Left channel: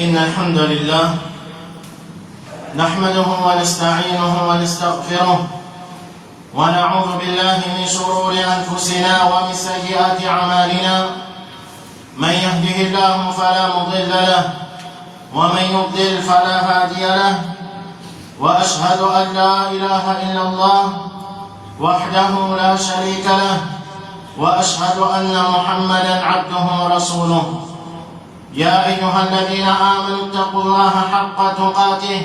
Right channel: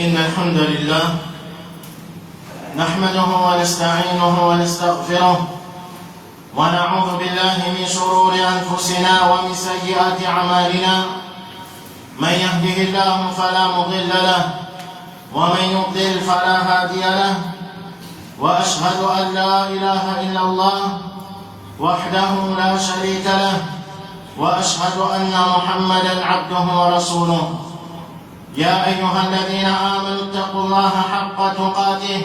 إن الحمد لله نحمده ونستعينه ونستغفره ونعوذ بالله من شرور أنفسنا ومن سيئات أعمالنا من يهده الله فلا مضل له ومن يضلل فلا هادي له وأشهد أن لا إله إلا الله وحده لا شريك له وأشهد أن محمدا عبده ورسوله يا أيها الذين آمنوا اتقوا الله حق تقاته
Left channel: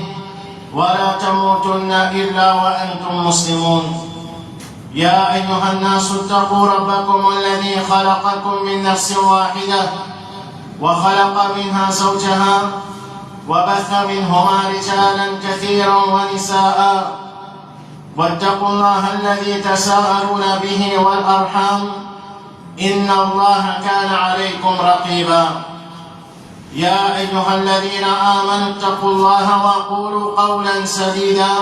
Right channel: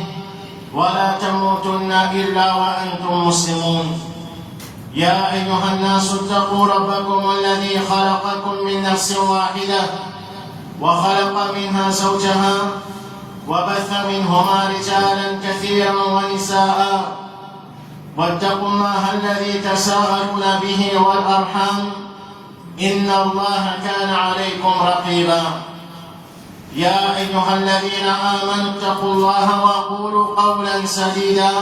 ولا تموتن إلا وأنتم مسلمون يا أيها الناس اتقوا ربكم الذي خلقكم من نفس واحدة وخلق منها زوجها وبث منهما رجالا كثيرا ونساء واتقوا الله الذي تساءلون به والأرحام إن الله كان عليكم رقيبا يا أيها الذين آمنوا اتقوا الله وقولوا قولا سديدا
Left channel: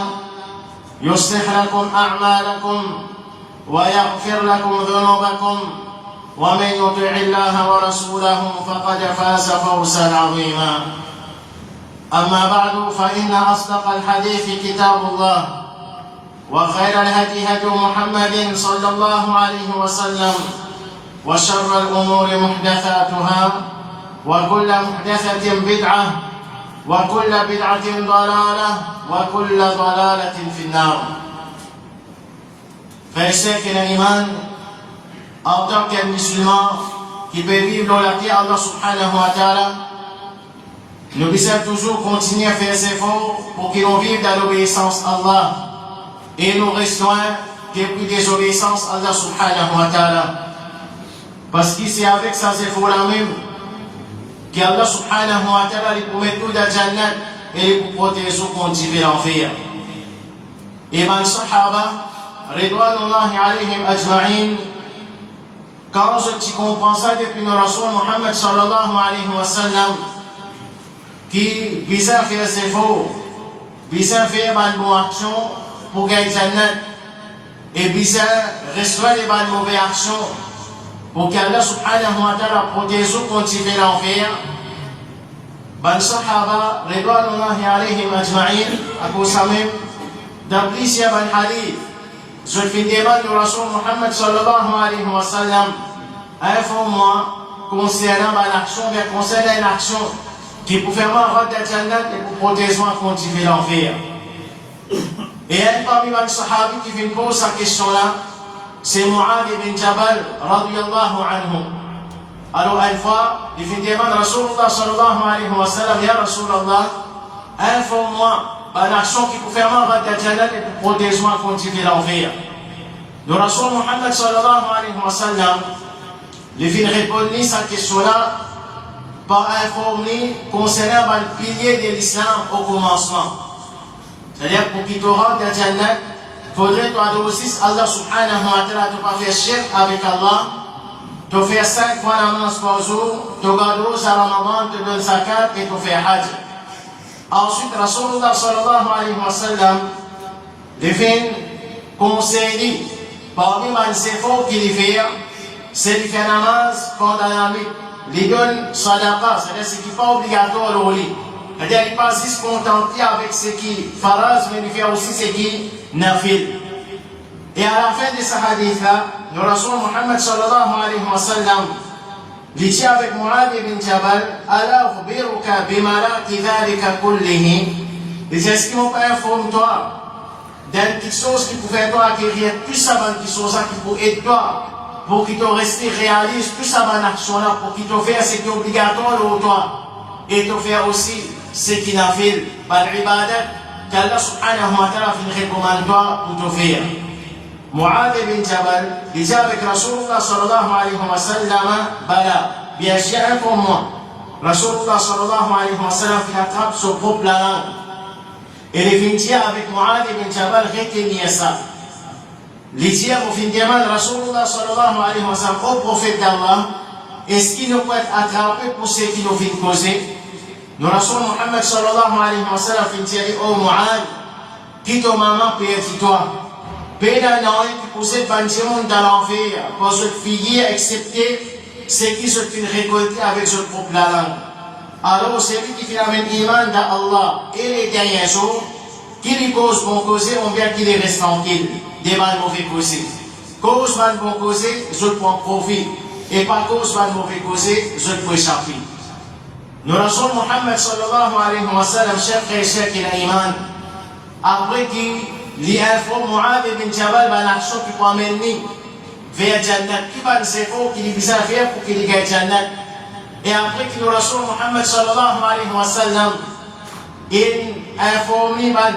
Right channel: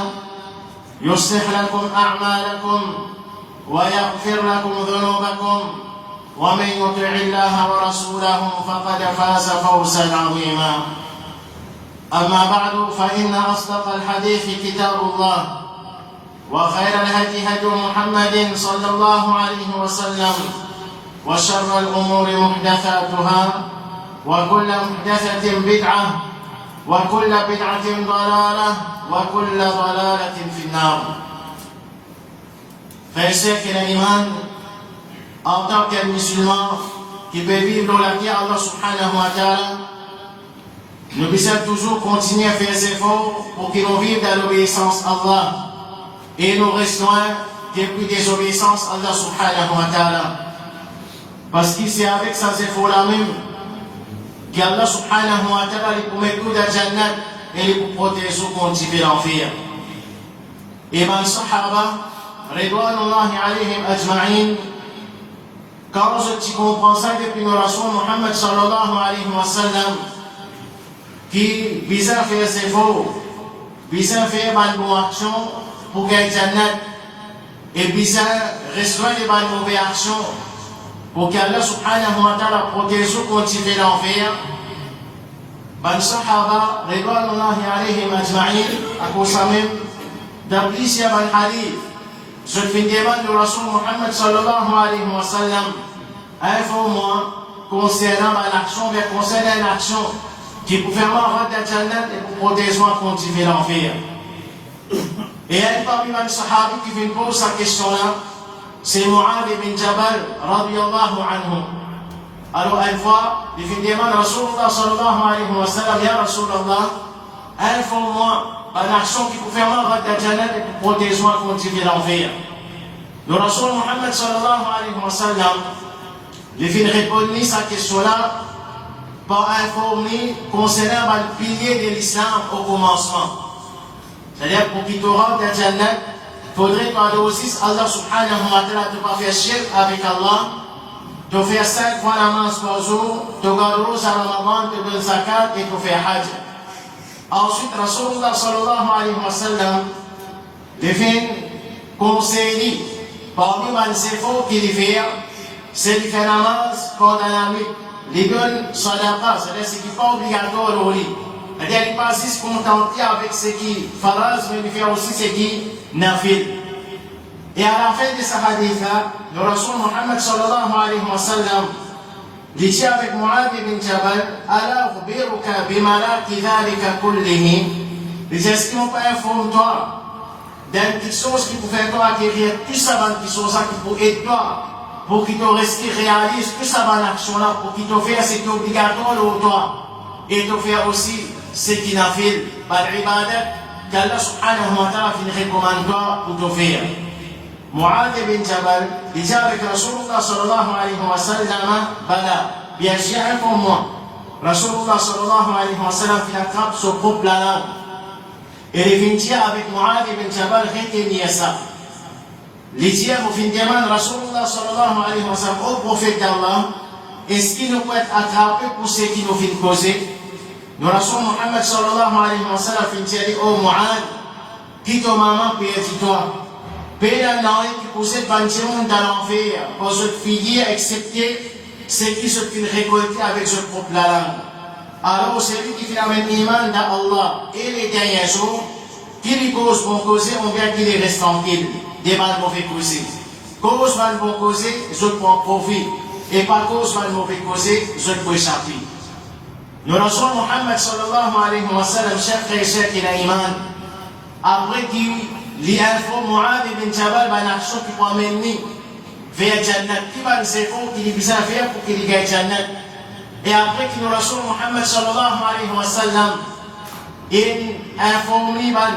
يصلح لكم أعمالكم ويغفر لكم ذنوبكم ومن يطع الله ورسوله فقد فاز فوزا عظيما أما بعد فإن أصدق الحديث كتاب الله وخير الهدي هدي محمد صلى الله عليه وسلم وشر الأمور محدثاتها وكل محدثة بدعة وكل بدعة ضلالة وكل ضلالة في النار. Frères et sœurs qui l'iman, en tant qu'un musulman qui peut vivre dans la terre Allah subhanahu wa ta'ala, nous devons toujours continuer à faire des efforts pour que l'on vive dans l'obéissance à Allah et nous restons depuis désobéissance à Allah subhanahu wa ta'ala. Parce que c'est avec ces efforts-là même qu'Allah subhanahu wa ta'ala lui promet tout de Jannat et lui protéger contre l'enfer. Et les Sahaba, Ridwanullahi alayhim ajma'in, quand je comprends ça depuis le Rasul Muhammad sallallahu alayhi wa sallam, qui visait à faire ses efforts, visait à faire une bonne action pour gagner Jannat et visait à restaurer les bonnes mauvaises actions pour qu'Allah subhanahu wa ta'ala protège contre l'enfer. Ben Sahaba, Ridwanullahi alayhim ajma'in, à cause même d'apprécier ben hadith, je demande le Rasul Muhammad sallallahu alayhi wa sallam, informe-moi concernant l'action, bien concernant l'action qui peut faire avoir de Jannat et pour protéger contre l'enfer. Et un parmi les Sahabis qui vient poser cette question-là, c'est Mu'adh ibn Jabal, radiyallahu anhu. Alors, une fois, il vient demander à Rasulullah sallallahu alayhi wa sallam, Ya Rasulullah, informe-moi une action qui peut faire avoir de Jannat et pour protéger contre l'enfer. Le Rasul Muhammad sallallahu alayhi wa sallam, il vient répondre à cette question-là par informer concernant le pilier de l'islam au commencement. C'est-à-dire, pour qu'il te rende de Jannat, il faudrait que tu aussi Allah subhanahu wa ta'ala te pas faire shirk avec Allah, te faire 5 fois la namaz par jour, te garder au Ramadan, te donner zakat et te faire hajj. Ensuite, Rasulullah sallallahu alayhi wa sallam devient conseiller parmi les efforts qu'il fait, c'est de faire la namaz pendant la nuit. Il donne sadaqa, c'est-à-dire ce qui n'est pas obligatoire au lit. C'est-à-dire qu'il ne pas juste contenter avec ce qui est faraz, mais il fait aussi ce qui est nafil. Et à la fin de ce hadith-là, le Rasul Muhammad sallallahu alayhi wa sallam dit avec Mu'adh ibn Jabal, Ala ukhbiruka bimalaki dhalika kullihi. Il dit, est-ce qu'on peut informer toi d'une petite chose qui pouvait toi acquérir plus avant une petite chose qui peut aider toi pour qu'il te reste réaliste plus avant l'action-là, pour qu'il te fasse ce qui est obligatoire pour toi et te faire aussi ce qui n'a fait par l'ibadat qu'Allah subhanahu wa ta'ala recommande toi pour te faire. Mu'adh ibn Jabal, il dit avec Rasulullah sallallahu alayhi wa sallam, Bala, bien sûr, pour moi. Rasulullah sallallahu alayhi wa sallam, il attrape ce groupe la langue. Et il vient avec Mu'adh ibn Jabal, retenir ça. Il dit au fin de mal, Rasulullah sallallahu alayhi wa sallam, au prophète d'Allah, est-ce qu'il nous peut être attrapé pour ce qui nous vient causer? Le Rasul Muhammad sallallahu alayhi wa sallam, il dit, oh Mu'adh, qui ton maman peut être toi? Pela não que possède 20 monde dans l'enfer, pour se fier, accepter ce qui se fait récolter avec ce propre langue. Alors celui qui fait la même iman d'Allah et les derniers jours, qui les cause bon causer, on vient qu'il les reste tranquille, des mal mauvais causés. Cause mal bon causer, je prends profit. Et pas cause mal mauvais causé, je peux échapper. Nous Rasul Muhammad sallallahu alayhi wa sallam, chef et chef qui a iman, après qu'il a info Mu'adh ibn Jabal, ben l'action qui peut amener vers Jannat, qui va nous efforts qu'il a besoin de faire pour qu'il gagne Jannat. Et après que nous Rasul Muhammad sallallahu alayhi wa sallam, il a informé ben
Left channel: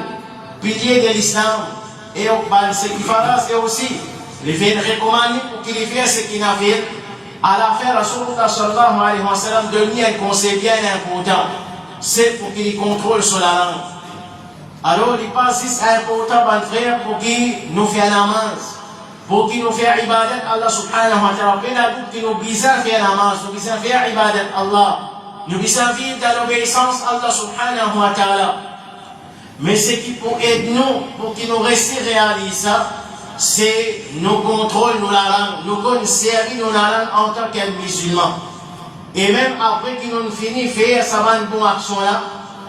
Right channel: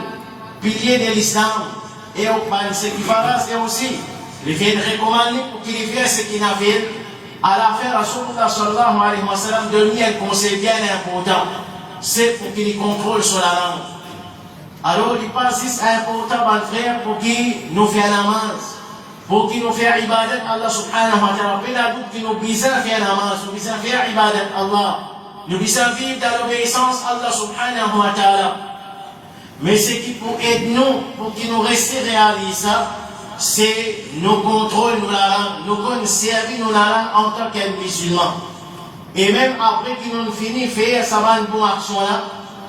pilier de l'islam, et ben ce qui fait c'est aussi, il vient recommander pour qu'il fasse ce qu'il a fait. À la fin, Rasulullah sallallahu alayhi wa sallam donne un conseil bien important. C'est pour qu'il contrôle sur la langue. Alors, il pense que c'est important, mon frère, pour qu'il nous fasse namaz, pour qu'il nous fasse ibadat Allah subhanahu wa ta'ala. Pour qu'il nous besoin faire namaz, nous besoin faire ibadat Allah. Nous besoin vivre dans l'obéissance Allah subhanahu wa ta'ala. Mais ce qui pour aider nous, pour qu'il nous reste réalise ça, c'est nous contrôle nous la langue, nous conserver nous la langue en tant que musulmans. Et même après qu'ils nous finissent faire ça va une bonne action là,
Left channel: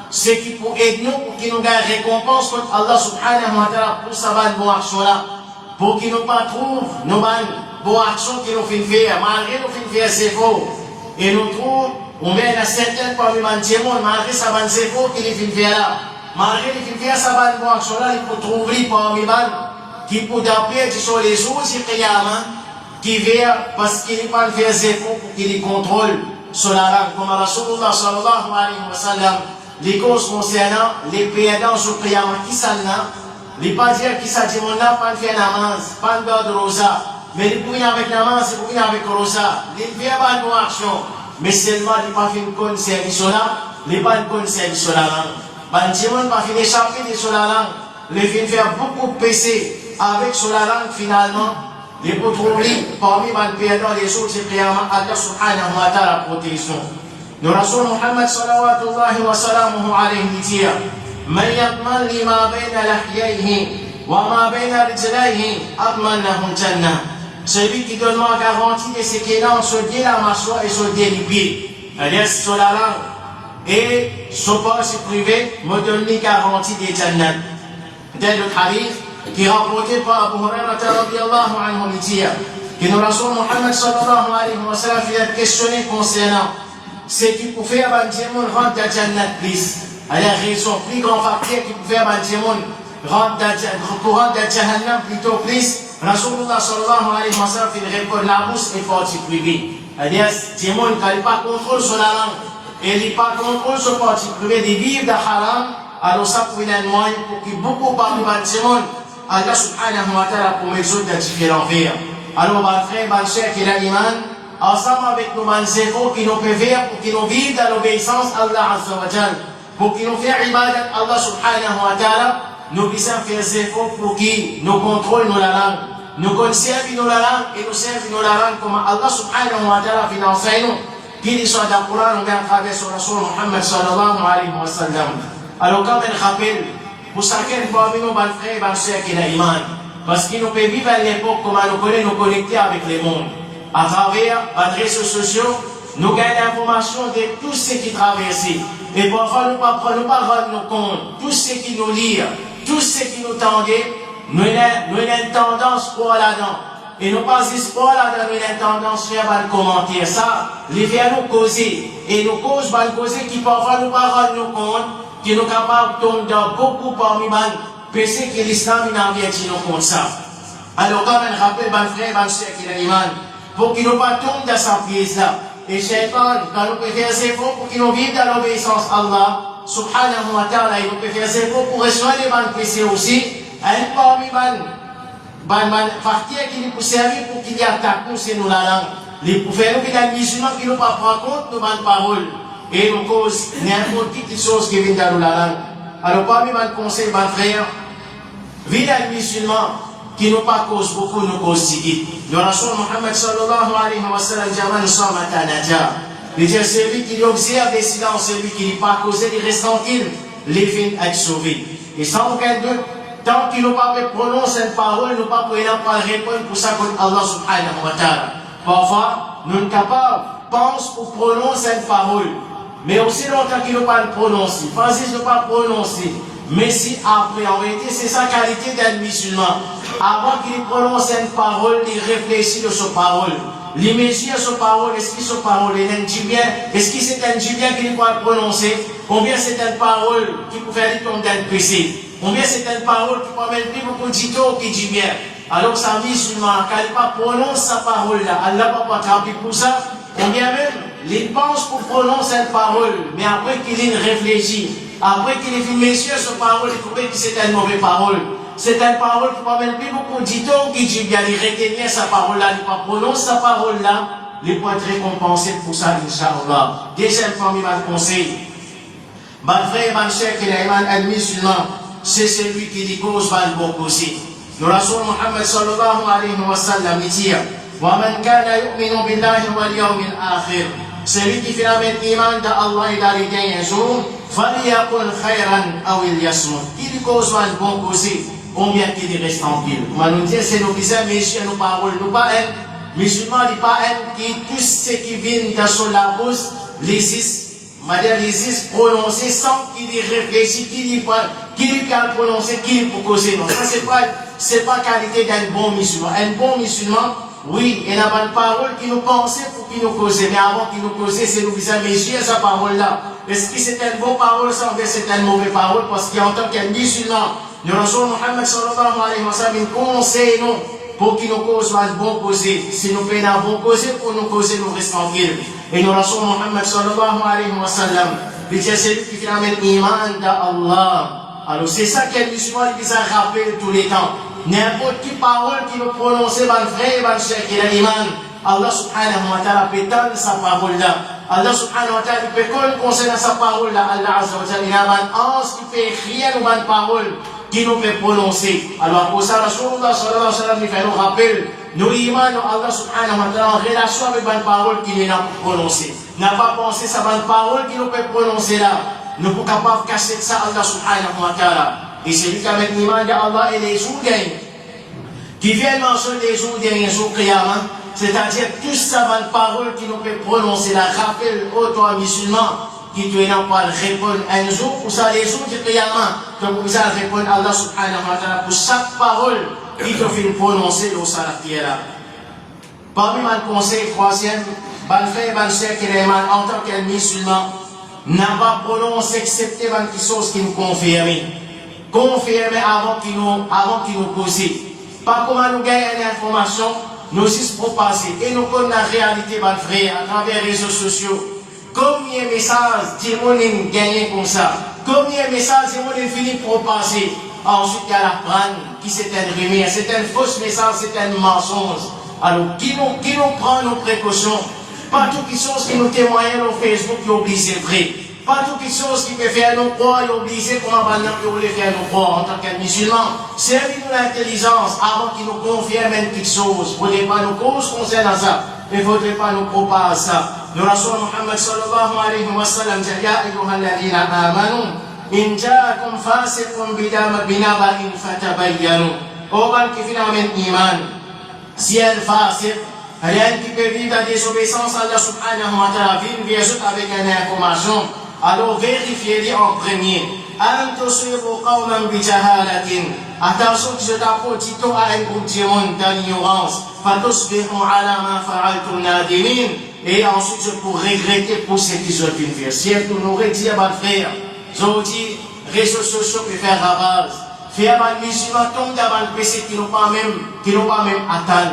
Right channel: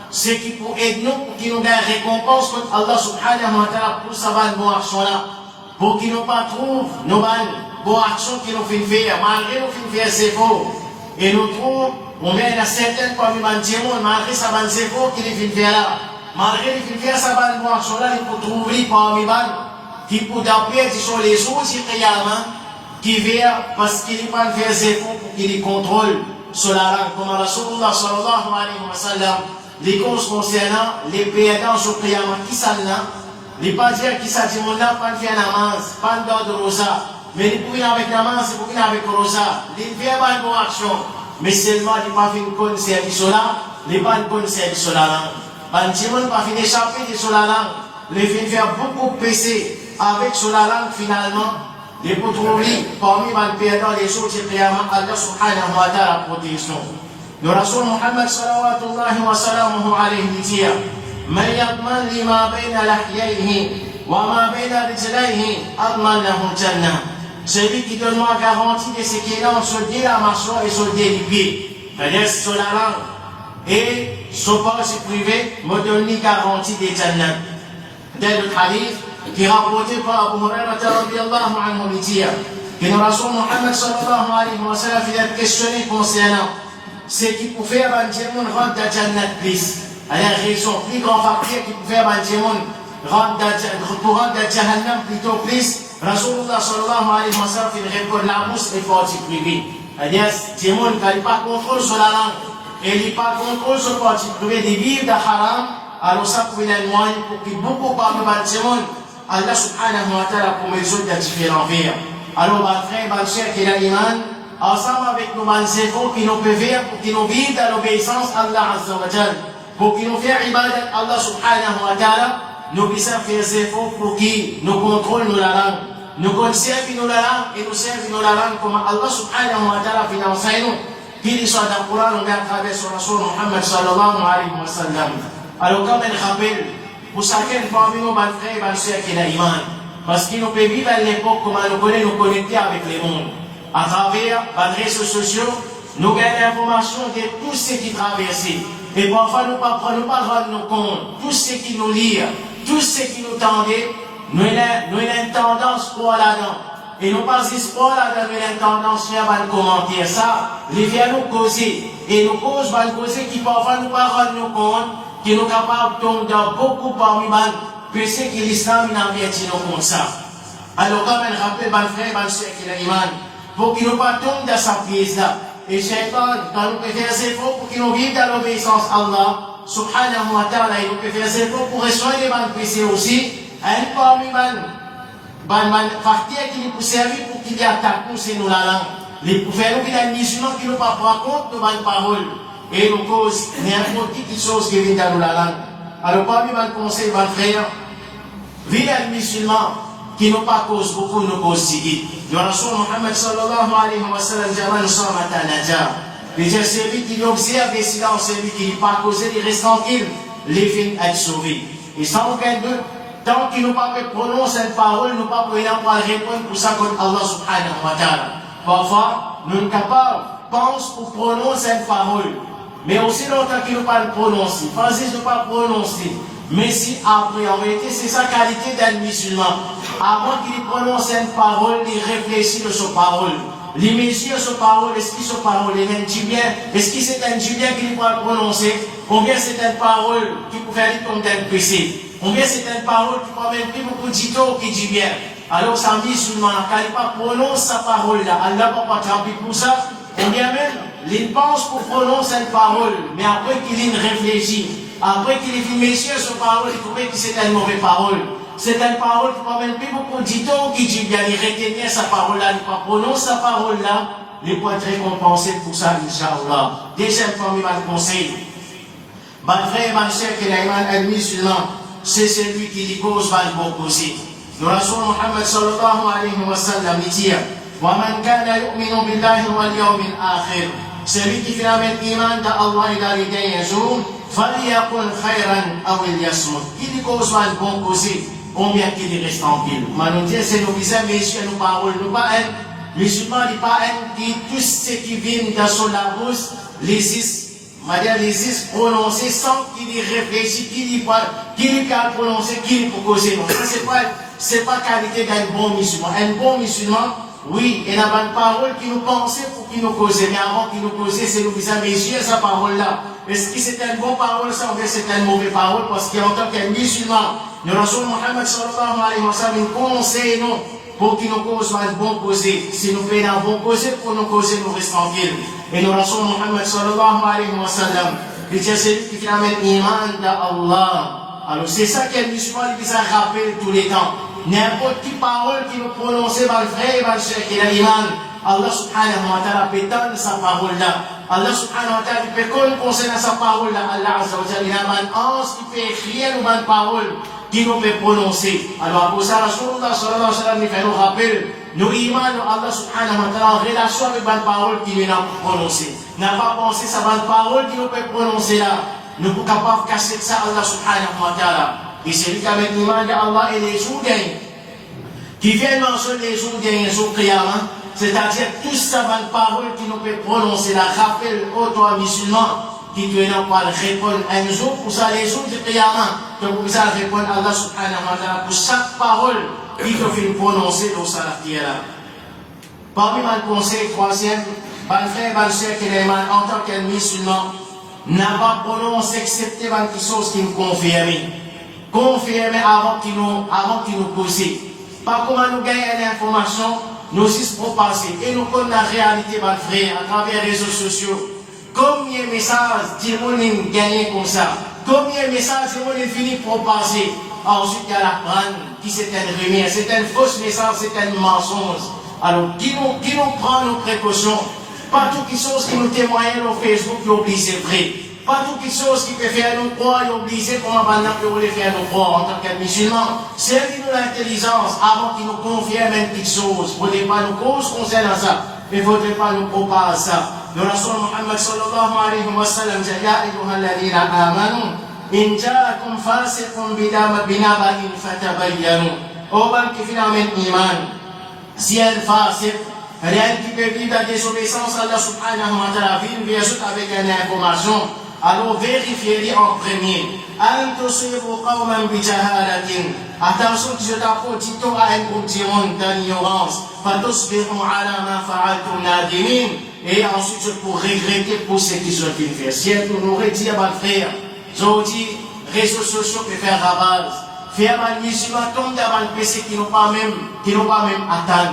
c'est qui pour aider nous, pour qu'ils nous gagnent récompense contre Allah subhanahu wa ta'ala pour ça va une bonne action là, pour qu'ils nous pas trouvent nos bonnes actions qu'ils nous finissent faire, malgré nous finissent faire c'est faux. Et nous trouvons, on vient à certaines parmi les monde, malgré ça va c'est faux qu'ils finissent faire là, malgré qu'ils finissent faire ça va une bonne action là, il faut trouver parmi les qui pour d'appuyer sur les autres qui vient parce qu'il n'est pas fait des efforts pour qu'il contrôle sur la langue. Comme Rasulullah sallallahu alayhi wa sallam, les causes concernant les perdants sur le Qiyamah, qui s'en a, les pas dire qui s'en dit, on n'a pas fait namaz, pas de rosa, mais les pouvez avec namaz, les pouvez avec rosa, les fait pas de action, mais seulement les pas fait une bonne service sur la, les pas une bonne service sur la langue. Ben, Timon pas fait d'échapper sur la langue, les filles faire beaucoup pécer. Avec sur la langue finalement, les potrouilles parmi les perdants les autres Qiyamah, Allah subhanahu wa ta'ala protection. Nous Rasul Muhammad sallallahu wa sallamuhu alayhi dit Man yatman li ma bayna lahyayhi wa ma bayna rijlayhi atman lahu jannah. Celui qui donne moi garantie de ce qui est dans ce dieu la mâchoire et ce dieu les pieds. C'est-à-dire sur la langue et ce poste privé me donne une garantie des jannah. Tel le hadith qui est rapporté par Abu Hurairah radiyallahu anhu dit que le Rasul Muhammad sallallahu alayhi wa sallam a questionné concernant ce qui peut faire un monde rentrer dans Jannat plus. Alors, ils sont plus grands facteurs qui peut faire un monde rentrer dans Jahannam plutôt plus. Rasulullah sallallahu alayhi wa sallam il répond la bouche est partie privée. C'est-à-dire, le monde qui n'a pas contrôle sur la langue et il n'a pas contrôle sur la partie privée de vivre dans haram, alors ça peut être un moyen pour que beaucoup parmi les monde Allah subhanahu wa ta'ala pour résoudre les différents vers. Alors, ma frère, ma chère qui a l'iman, ensemble avec nos efforts qui nous peuvent faire pour qu'ils nous vivent dans l'obéissance à Allah azza wa jal, pour qu'ils nous fassent ibadat Allah subhanahu wa ta'ala, nous puissions faire des efforts pour qu'ils nous contrôlent nos la langue, nous conservent nos la langue et nous servent nos la langue comme Allah subhanahu wa ta'ala finance nous, qu'il soit dans le Coran ou à travers son Rasul Muhammad sallallahu alayhi wa sallam. Alors, quand elle rappelle, pour chacun parmi nos frères et nos sœurs qui ont l'iman, parce qu'ils nous peuvent vivre à l'époque comme nous connaissons, nous connecter avec le monde. À travers les réseaux sociaux, nous gagnons l'information de tout ce qui traverse. Et parfois, nous ne prenons pas rendre compte. Tout ce qui nous lit, tout ce qui nous tendait, nous avons une tendance pour là-dedans. Et nous pas espoir là-dedans, nous avons une tendance à faire commenter ça. Les vers nous causer. Et nous causent mal causer qui parfois nous pas rendre compte. Qui nous capables de tomber dans beaucoup parmi les péchés que l'islam n'a bien dit nous comme ça. Alors, quand on rappelle, mes frères, mes sœurs qui ont l'iman, pour qu'ils ne pas tombent dans sa pièce là. Et Shaitan, quand nous pouvons faire ses efforts pour qu'ils nous vivent dans l'obéissance à Allah, subhanahu wa ta'ala, il nous peut faire ses efforts pour restaurer les péchés aussi. Un parmi les parties qui nous peut servir pour qu'il y ait attaque nous, c'est nous la langue. Les pouvoirs nous, les musulmans qui nous pas prendre compte de nos paroles. Et nous cause n'importe quelle chose qui vient dans la langue. Alors, parmi les conseils, mes frères, vivre les musulmans qui n'ont pas cause beaucoup, nous cause si. Le Rasul Muhammad sallallahu alayhi wa sallam, Jaman Sama Tanaja. Il dit celui qui observe les silences, celui qui n'est pas causé, il reste tranquille, les fins être sauvés. Et sans aucun doute, tant qu'ils n'ont pas prononcé une parole, ils n'ont pas pu répondre pour ça comme Allah subhanahu wa ta'ala. Parfois, nous sommes capables, pense ou prononce une parole. Mais aussi longtemps qu'il ne pas prononcer. Pensez que je ne pas prononcer. Mais si après, en vérité, c'est sa qualité d'un musulman. Avant qu'il prononce une parole, il réfléchit de sa parole. Il mesure sa parole, est-ce que sa parole est un bien? Est-ce que c'est un bien qu'il doit prononcer? Combien c'est une parole qui peut faire tomber d'un péché? Combien c'est une parole qui peut mettre plus beaucoup de titres qui dit bien? Alors, ça musulman, quand il pas prononce sa parole là, Allah va pas attraper pour ça. Combien même, il pense pour prononcer une parole, mais après qu'il réfléchit, après qu'il ait fait mesure sa parole, il trouvait que c'est une mauvaise parole. C'est une parole qui peut mettre plus beaucoup de titres qui dit bien, il retenir sa parole là, il pas prononcer sa parole là, il peut être récompensé pour ça, Inch'Allah. Deuxième formidable conseil. Ma frère, ma chère, qui est un musulman, c'est celui qui dit cause va le bon aussi. Nous Rasul Muhammad sallallahu alayhi wa sallam dit وَمَنْ كَانَ يُؤْمِنُ بِاللَّهِ وَالْيَوْمِ الْآخِرِ celui qui fait avec iman d'Allah et dans les derniers jours, فَلْيَقُلْ خَيْرًا أَوْ لْيَصْمُتْ. Il dit cause va le bon aussi, combien qu'il reste tranquille. On nous dit c'est nos visages, mais ici nos paroles, nous pas un musulman, il pas un qui tout ce qui vient dans son bouche, les is prononcer sans qu'il y réfléchisse, qu'il y a prononcé, qu'il peut causer. Non, ça c'est pas qualité d'un bon musulman. Un bon musulman, oui, il n'a pas de parole qui nous pense pour qu'il nous cause. Mais avant qu'il nous cause, c'est nous viser mesure sa parole-là. Est-ce que c'est une bonne parole, ça ou c'est une mauvaise parole? Parce qu'en tant qu'un musulman, nous Rasul Muhammad sallallahu alayhi wa sallam conseille nous pour qu'il nous cause un bon causer. Si nous faisons un bon causer, pour nous causer, nous restons tranquilles. Et nous Rasul Muhammad sallallahu alayhi wa sallam, il dit celui qui fait avec iman d'Allah. Alors c'est ça qu'un musulman il a rappelé tous les temps. N'importe quelle parole qui nous prononce, va le vrai, va le cher, il a l'iman. Allah subhanahu wa ta'ala peut tendre sa parole là. Allah subhanahu wa ta'ala peut concernant sa parole là. Allah azza wa jalla, il y a un ange qui peut écrire une bonne parole qui nous peut prononcer. Alors pour ça, Rasulullah sallallahu alayhi wa sallam, il fait nous rappeler, nous iman, Allah subhanahu wa ta'ala en relation avec bonne parole qui nous a prononcé. N'a pas pensé sa bonne parole qui nous peut prononcer là. Nous sommes capables de casser ça Allah subhanahu wa ta'ala. Et c'est lui qui a mis l'iman d'Allah et les jours gagnés. Qui viennent mentionner les jours gagnés sur Qiyamah. C'est-à-dire toute sa bonne parole qui nous peut prononcer la rappel aux trois musulmans qui doivent pas répondre un jour pour ça les jours de Qiyamah. Donc vous allez répondre à Allah subhanahu wa ta'ala pour chaque parole qui peut faire prononcer dans sa là. Parmi mes conseils, troisième, ban frère, ban sœur, qui est en tant qu'un musulman, n'a pas prononcé excepté des choses qui nous confirment. Confirmer avant qu'il nous pose. Pas comment nous gagner l'information, nous aussi pour passer. Et nous connaissons la réalité, ma frère, à travers les réseaux sociaux. Combien de messages diront-ils gagner comme ça? Combien de messages diront-ils fini pour passer? Ensuite, il y a la prendre, qui c'est un remire, c'est un faux message, c'est un mensonge. Alors, qui nous prend nos précautions? Pas toutes les choses qui nous témoignent sur Facebook, qui oublient c'est vrai. Pas toutes les choses qui peuvent faire nous croire, et obliger pour maintenant que vous voulez faire nous croire en tant que musulmans. Servez-nous l'intelligence avant qu'ils nous confirment une petite chose. Il ne faudrait pas nous cause concernant ça. Il ne faudrait pas nous propager ça. Le Rasul Muhammad sallallahu alayhi wa sallam dit Ya ayyuha alladhina amanu in ja'akum fasiqun binaba'in fatabayyanu. Au bal qui finit avec iman. Si un fasiq, rien qui peut vivre la désobéissance à Allah subhanahu wa ta'ala, vient bien sûr avec une information. Alors vérifiez-les en premier. Attention que je t'apporte à un groupe de monde d'ignorance. Et ensuite je pourrais regretter pour ce qu'ils ont fait. Si elle nous aurait dit à ma frère, j'ai dit, réseaux sociaux peuvent faire ravage. Faire un musulman tomber dans un péché qui n'ont pas même atteint.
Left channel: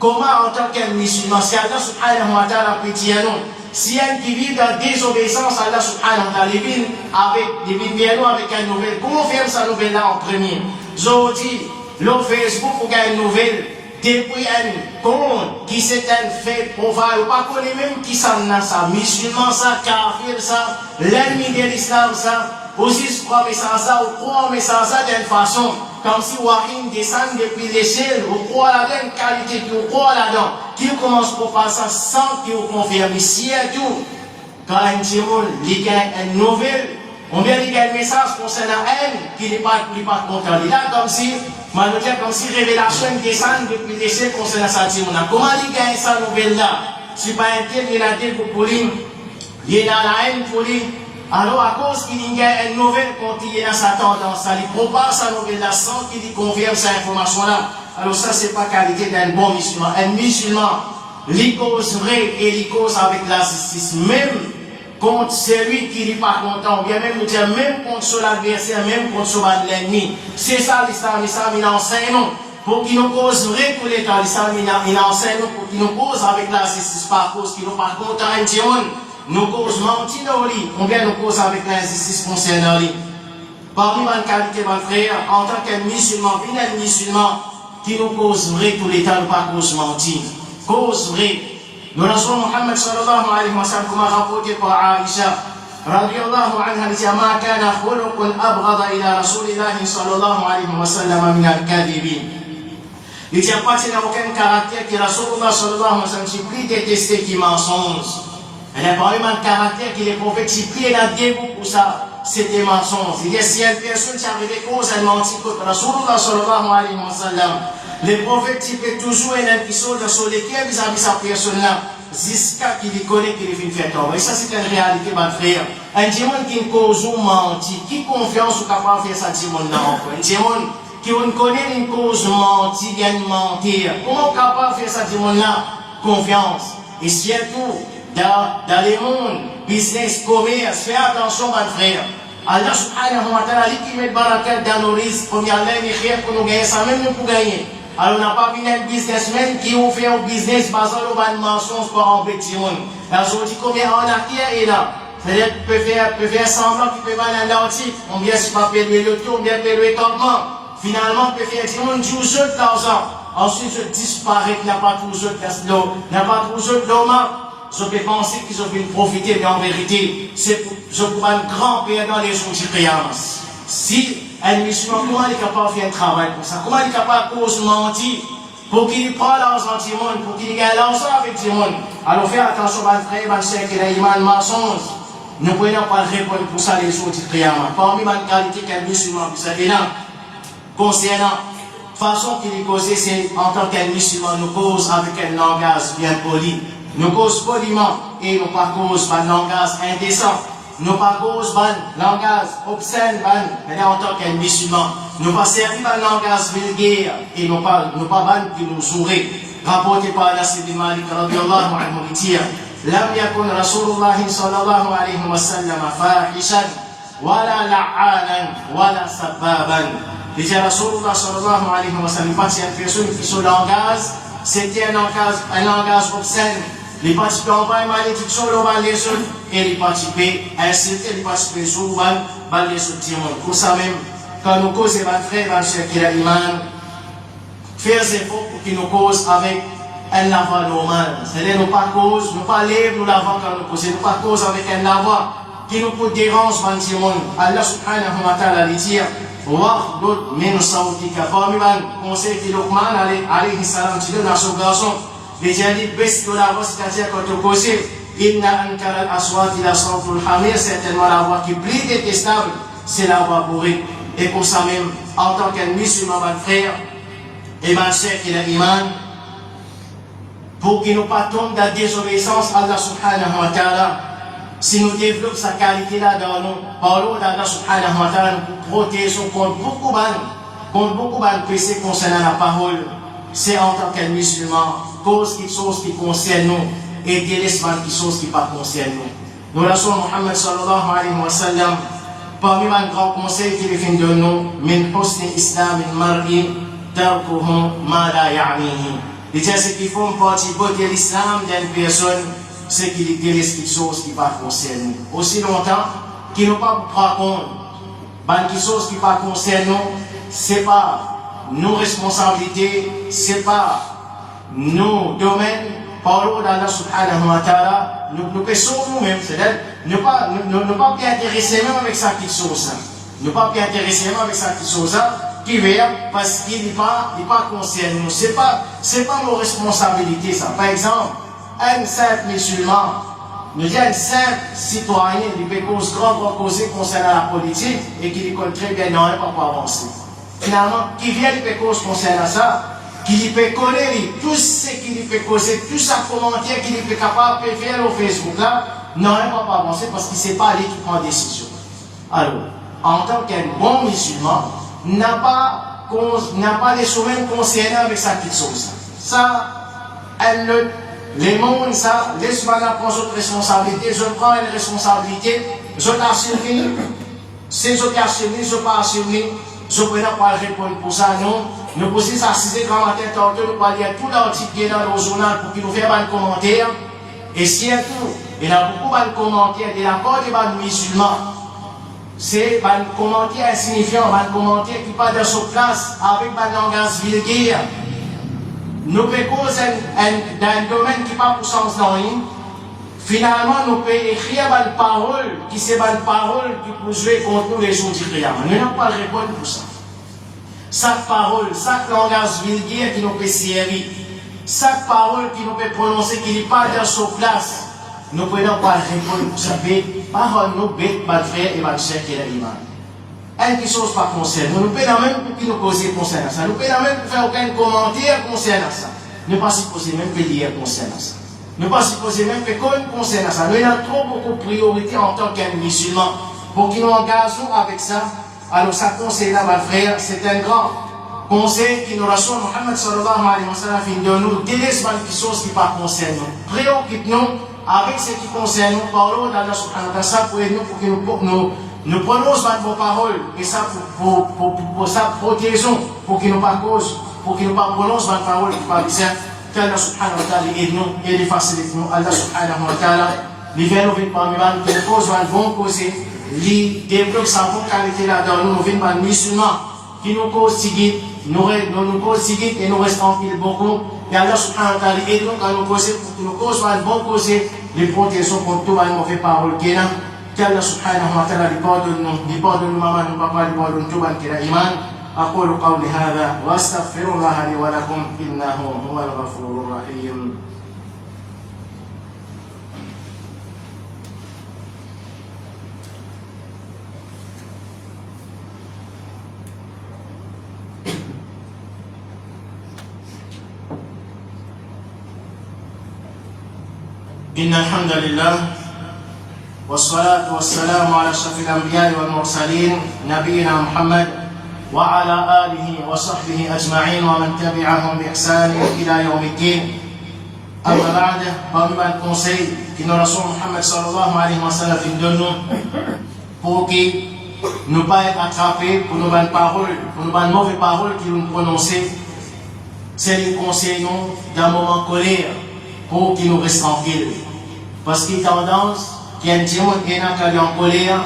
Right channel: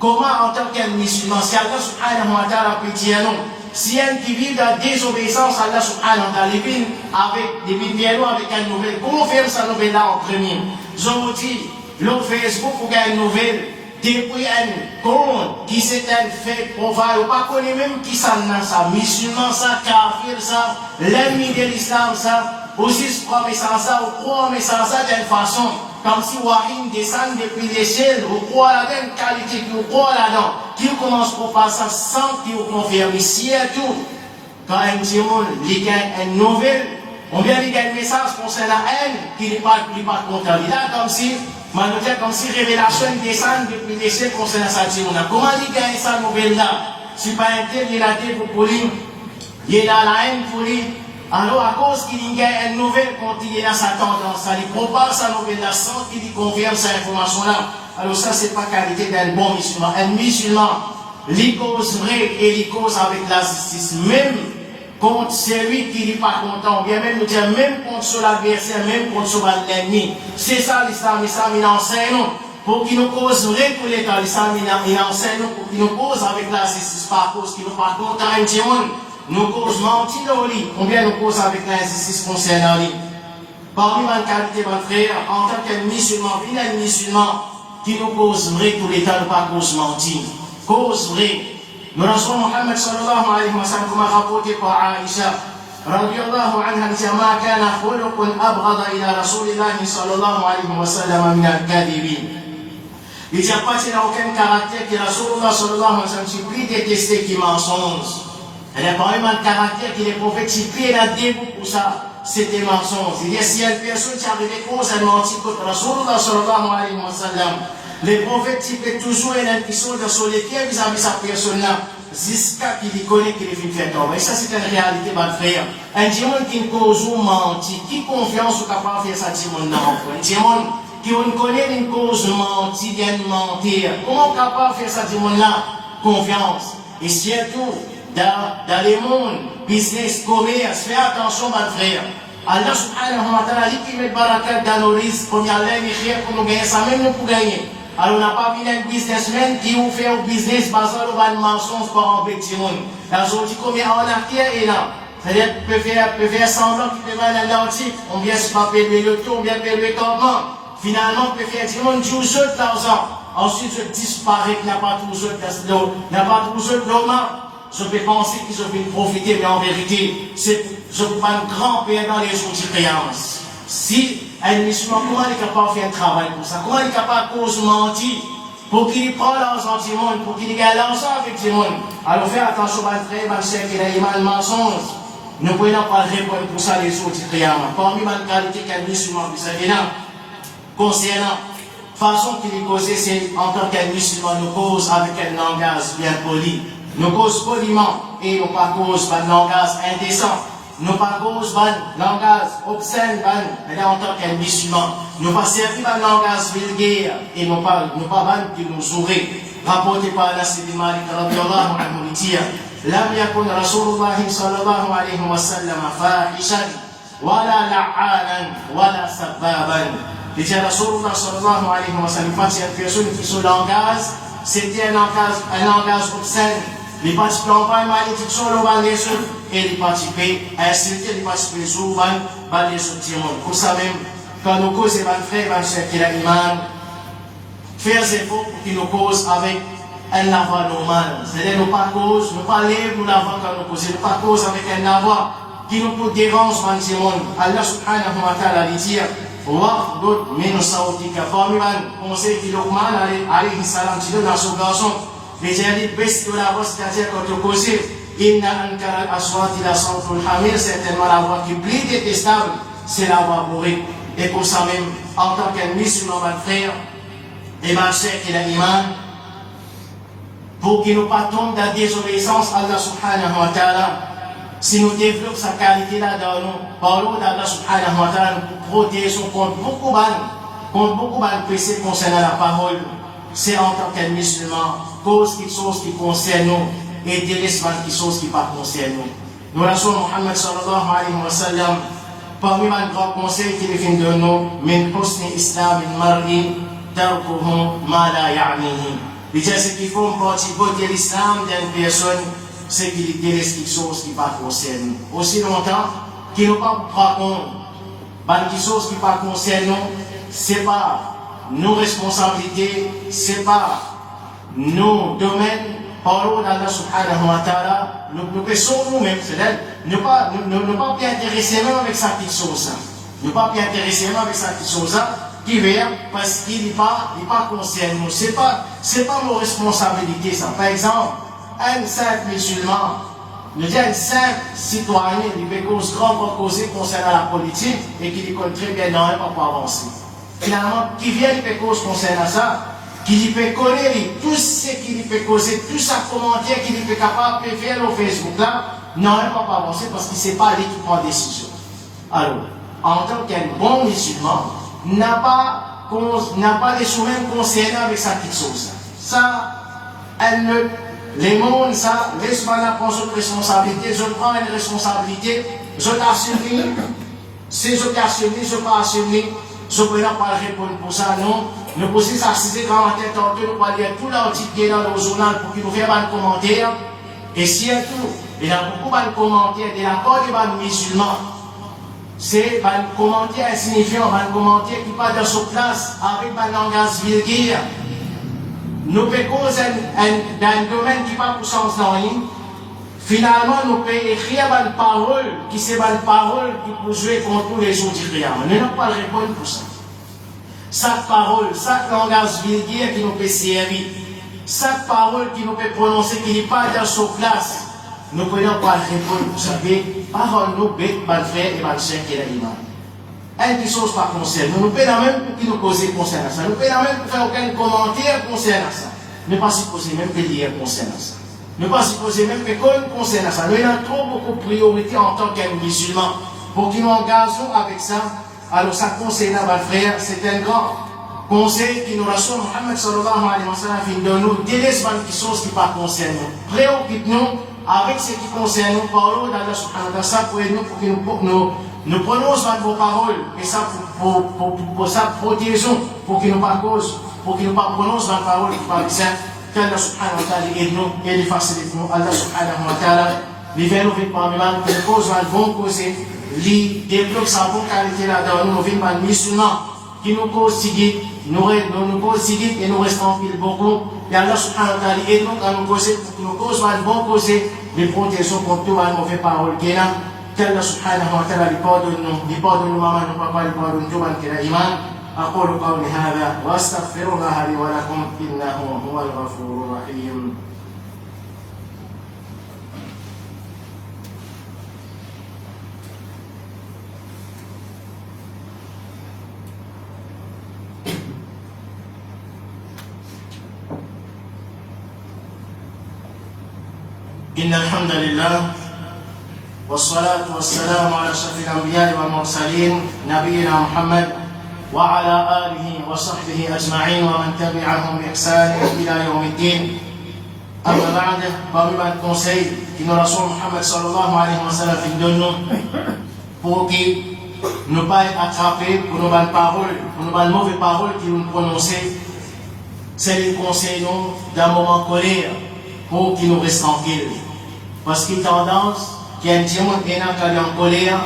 Comment en tant qu'un musulman, si Allah subhanahu wa ta'ala peut dire non, si un qui vit dans désobéissance à Allah subhanahu wa ta'ala, il vient avec une nouvelle, confirme sa nouvelle là en premier. Je vous dis, le Facebook ou une nouvelle, depuis un compte qui c'est un fait profane, ou pas connaît même qui ça n'a ça, musulman ça, kafir ça, l'ennemi de l'islam ça, aussi je crois mais ça, ou croit mais ça d'une façon, comme si Warim descend depuis l'échelle, ou croit la même qualité, ou croit là-dedans, qui commence pour faire ça sans qu'il confirme. Si et tout, quand un petit monde lit une nouvelle, on vient lire un message concernant elle, qui n'est pas content. Il a comme si révélation descend depuis l'échelle concernant sa tirona. Comment il gagne sa nouvelle là? Si pas un tel, il a dit pour Pauline, Il est dans la haine pour lui. Alors, à cause qu'il y a une nouvelle, quand il est dans sa tendance, il propage sa nouvelle sans qu'il confirme cette information-là. Alors, ça, c'est pas qualité d'un bon musulman. Un musulman, il cause vrai et il cause avec la justice. Même contre celui qui n'est pas content, ou bien même contre son adversaire, même contre son l'ennemi. C'est ça l'islam, il enseigne pour qu'il nous cause vrai pour l'État. L'islam, il enseigne pour qu'il nous cause avec la justice, pas cause qu'il nous pas content, nous cause mentir dans lui, ou bien nous cause avec l'injustice concernant lui. Parmi ma qualité, ma frère, en tant qu'un musulman, un musulman qui nous cause vrai tout l'État, pas cause mentir. Cause vrai. Nous Rasul Muhammad sallallahu alayhi wa sallam, comme rapporté par Aïcha, radiallahu anha, dit ma kana khuluqun abghada ila rasulillahi sallallahu alayhi wa sallam min al-kadhibin. Il n'y a pas aucun caractère que Rasulullah sallallahu alayhi wa sallam s'est plus détesté qui mensonge. Il n'y a pas un caractère qui les prophètes s'y pied dans le dégoût pour ça. C'était mensonge. Il y a si une personne qui arrivait cause à mentir contre Rasulullah sallallahu alayhi wa sallam, les prophètes qui peuvent toujours un épisode sur lesquels vis-à-vis sa personne-là, jusqu'à qu'il les connaît qu'il est venu faire tomber. Et ça, c'est une réalité, ma frère. Un diamant qui cause ou mentir, qui confiance ou capable de faire ça, diamant-là, un diamant qui connaît une cause mentir, vient mentir. Comment capable de faire ça, diamant-là? Confiance. Et surtout, dans les mondes, business, commerce, fais attention, mon frère. Allah subhanahu wa ta'ala, qui met barakat dans nos risques, qu'on y a l'air et pour nous gagner, ça même nous pour gagner. Alors, on n'a pas vu un businessman qui ont fait un business basé sur un mensonge pour embêter le monde. Là, je dis combien en arrière est là. C'est-à-dire qu'il peut faire semblant qu'il peut vendre un article. On vient se payer le tour, on vient payer le campement. Finalement, on peut faire du monde 12 de l'argent. Ensuite, je disparais, qu'il n'a pas toujours de l'eau, n'a pas toujours de l'eau. Je peux penser qu'ils ont pu profiter, mais en vérité, c'est pour un grand père dans les jours de créance. Si un musulman, comment il est capable de faire un travail pour ça? Comment il est capable de cause mentir pour qu'il prenne l'argent du monde, pour qu'il gagne l'argent avec du monde? Alors faites attention, mon frère, mon frère, qu'il y a un mensonge. Nous ne pouvons pas répondre pour ça les jours de créance. Parmi les qualités qu'un musulman, vous savez là, concernant la façon qu'il est causé, c'est en tant qu'un musulman, nous cause avec un langage bien poli. Nous cause poliment et nous pas cause par langage indécent. Nous pas cause par langage obscène, mais en tant qu'un musulman. Nous pas servi par langage vulgaire et nous pas qui nous sourit. Rapporté par Anas ibn Malik radiyallahu anhu dit lam yakun Rasulullah sallallahu alayhi wa sallam fahishan wala la'anan wala sababan. Déjà Rasulullah sallallahu alayhi wa sallam, pas cette personne qui son langage, c'était un langage obscène. Les participants ont pas une malédiction, les autres, et les participants insultent, les participants souvent, les autres monde. Pour ça même, quand nous causons les frères, les soeurs qui ont l'iman, faire des efforts pour qu'ils nous causent avec un lavant normal. C'est-à-dire, nous pas cause, nous pas lèvres, nous lavons quand nous causons, nous pas cause avec un lavant qui nous peut déranger dans ce monde. Allah subhanahu wa ta'ala dit, Waqdud min sawtika. Parmi les conseils que Luqman alayhi salam dit dans son garçon, les gens baissent de la voix, c'est-à-dire quand tu causes, inna ankara al-aswat ila sawtul hamir, certainement la voix qui est plus détestable, c'est la voix bourrée. Et pour ça même, en tant qu'un musulman, mon frère, et ma sœur qui a l'iman, pour qu'il ne pas tombe dans la désobéissance, Allah subhanahu wa ta'ala, si nous développons sa qualité là dans nous, parlons d'Allah subhanahu wa ta'ala pour protéger contre beaucoup de péchés concernant la parole. C'est en tant qu'un musulman, cause quelque chose qui concerne nous et délaisse quelque chose qui ne concerne nous. Nous Rasul Muhammad sallallahu alayhi wa sallam, parmi les grands conseils qu'il fait de nous, min husni islam mar'i tarkuhu ma la ya'nihi. Déjà, ce qui font partie de l'islam d'une personne, c'est qu'il délaisse quelque chose qui ne concerne nous. Aussi longtemps qu'il n'a pas pris compte, quelque chose qui ne concerne nous, ce n'est pas nos responsabilités, ce n'est pas nos domaines. Parlons d'Allah subhanahu wa ta'ala, nous pensons nous-mêmes, c'est-à-dire ne pas bien intéresser même avec ça quelque chose. Ne pas bien intéresser même avec ça quelque chose qui vient parce qu'il n'est pas concerné nous. C'est pas nos responsabilités ça. Par exemple, un simple musulman, nous disons un simple citoyen qui peut cause grande causer concernant la politique et qui lui connaît très bien dans un pour avancer. Finalement, qui vient de cause concernant ça, qui lui peut connaître tout ce qui lui peut causer, tout ça commentaire qui lui peut capable de faire au Facebook là, non, elle ne va pas avancer parce qu'il ne sait pas aller qui prend décision. Alors, en tant qu'un bon musulman, n'a pas des souvenirs concernés avec sa petite chose. Ça, les mondes, ça, laisse pas prendre votre responsabilité, je prends une responsabilité, je t'assume, si je t'assume, je pas assumer, je ne peux pas répondre pour ça, non. Nous posons ça, si c'est grand matin, nous pouvons lire tout l'article qui est dans le journal pour qu'il nous fasse un commentaire. Et surtout, il y a beaucoup de commentaires de la part des musulmans. C'est un commentaire insignifiant, un commentaire qui pas dans sa place avec un langage vulgaire. Nous pouvons causer dans un domaine qui n'est pas pour sens dans rien. Finalement, nous pouvons écrire une parole qui c'est une parole qui peut jouer contre nous les jours du Qiyam. Nous n'avons pas de réponse pour ça. Chaque parole, chaque langage vulgaire qui nous peut servir, chaque parole qui nous peut prononcer qui n'est pas dans sa place, nous ne pouvons pas répondre pour ça. Parole nous bête, mal faire et mal cher qui est l'imam. Quelque chose pas concerne. Nous ne pouvons même pas nous causer concernant ça. Nous ne pouvons même pas faire aucun commentaire concernant ça. Nous ne pouvons pas supposer même que lire concernant ça. Nous ne pouvons pas supposer même que concernant ça. Nous avons trop beaucoup de priorités en tant qu'un musulman pour qu'ils nous engagent avec ça. Alors ça conseil là, mon frère, c'est un grand conseil qui nous rassure Mohammed sallallahu alayhi wa sallam fin de nous délaisse quelque chose qui pas concerne nous. Préoccupe-nous avec ce qui concerne nous, parlons d'Allah subhanahu wa ta'ala pour aider nous pour que nous prononçons vos paroles et ça pour ça protégeons pour qu'il nous pas cause, pour qu'il nous pas prononce vos paroles qui parlent de ça, qu'Allah subhanahu wa ta'ala aide nous et les facilite nous. Allah subhanahu wa ta'ala les vient nous parmi nous qui nous cause un bon causer, les développe sa bonne qualité là dans nous vient par musulmans qui nous cause sigit, nous cause sigit et nous restons pile beaucoup. Et Allah subhanahu wa ta'ala aide nous quand nous causer pour que nous cause un bon causer, les protégeons contre tout un mauvais parole qui est là. qu'Allah subhanahu wa ta'ala لبادن ماما وبابا لبادن توبا كلا إيمان أقول قولي هذا وأستغفر الله لي ولكم إنه هو الغفور الرحيم. إن الحمد لله والصلاة والسلام على أشرف الأنبياء والمرسلين نبينا محمد وعلى آله وصحبه أجمعين ومن تبعهم بإحسان إلى يوم الدين. أما بعد parmi les conseils que nous Rasoul Muhammad sallallahu alayhi wa sallam donne pour que nous pas être attrapés pour nos bonnes paroles, pour nos bonnes mauvaises paroles que nous prononçons, c'est les conseils d'un moment colère pour qu'ils nous restent tranquilles. Parce qu'il y a une tendance, qu'il y a un diamant qui est en colère,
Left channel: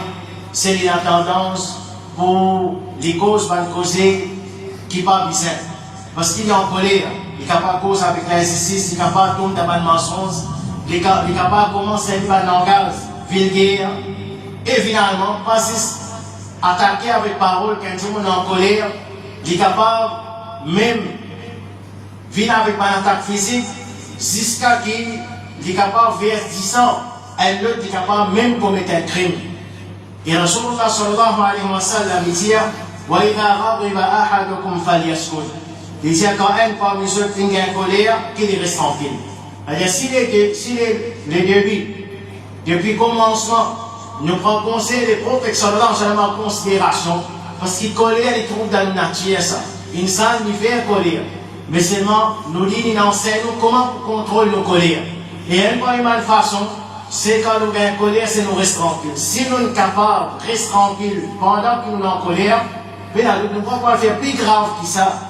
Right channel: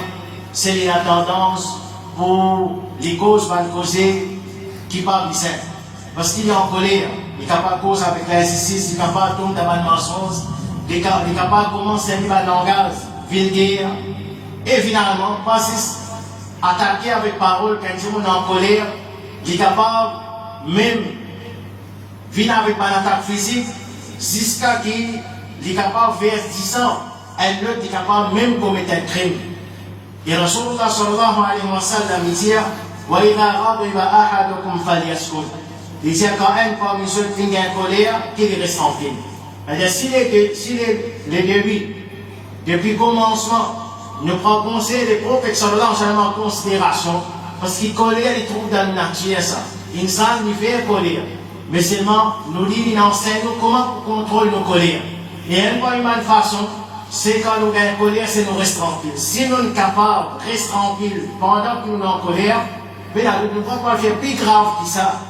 c'est la tendance pour les causes mal causées qui ne sont pas bien. Parce qu'il est en colère, il n'est pas cause avec l'injustice, il n'est pas tomber dans le mensonge, il n'est pas commencer à faire un langage vulgaire, et finalement, passer attaquer avec parole quand il est en colère, il est capable même venir avec une attaque physique jusqu'à qu'il est capable de faire 10 ans, et l'autre est capable même de commettre un crime. Et Rasulullah sallallahu alayhi wa sallam dit وَإِذَا غَضِبَ أَحَدُكُمْ فَلْيَسْكُتْ. Il dit quand un parmi ceux qui est en colère, qu'il reste tranquille. C'est-à-dire si les débuts, depuis le commencement, nous prenons conseil des prophètes sallallahu alayhi wa sallam en considération, parce qu'il colère, il trouve dans la nature ça. Il ne s'en fait colère. Mais seulement, nous dit, il enseigne comment on contrôle nos colères. Et une première façon, c'est quand nous avons colère, c'est nous rester tranquilles. Si nous sommes capables de rester tranquilles pendant que nous sommes en colère, nous ne pouvons pas faire plus grave que ça.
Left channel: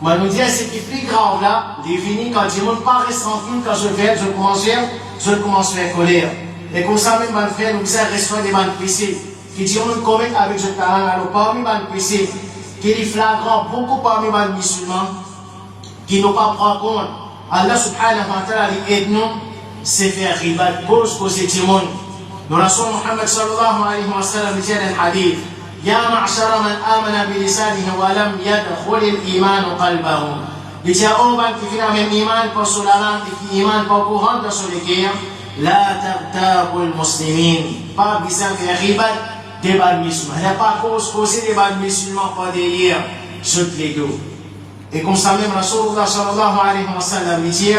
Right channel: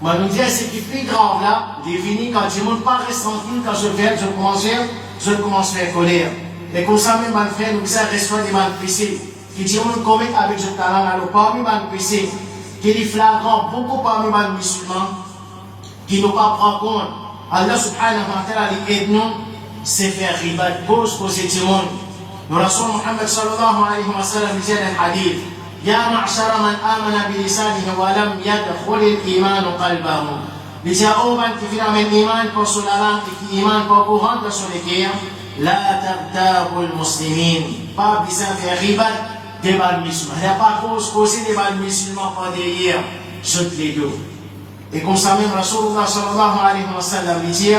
Moi, nous disons, c'est plus grave là, définir quand ils ne pas rester tranquille, quand je commence à faire colère. Et comme ça, même, nous disons, restons des mal pressés. Qui disent, on commet avec ce talent, alors parmi mal pressés, qui est flagrant, beaucoup parmi les musulmans, qui n'ont pas pris compte. Allah subhanahu wa ta'ala aide nous, c'est faire riba, cause du monde. Nous Rasoul Muhammad sallallahu alayhi wa sallam dit dans un hadith, Ya ma'ashara man amana bi lisanihi wa lam yadkhul al-iman qalbahu. Il dit à Oman qui vient avec l'iman pour sur la langue et qui iman pour courant sur les guerres, la tabtabu al-muslimin. Pas besoin de faire riba des bal musulmans. Il n'y a pas cause des bal musulmans pour derrière, toutes les deux. Et comme ça même, Rasulullah sallallahu alayhi wa sallam dit,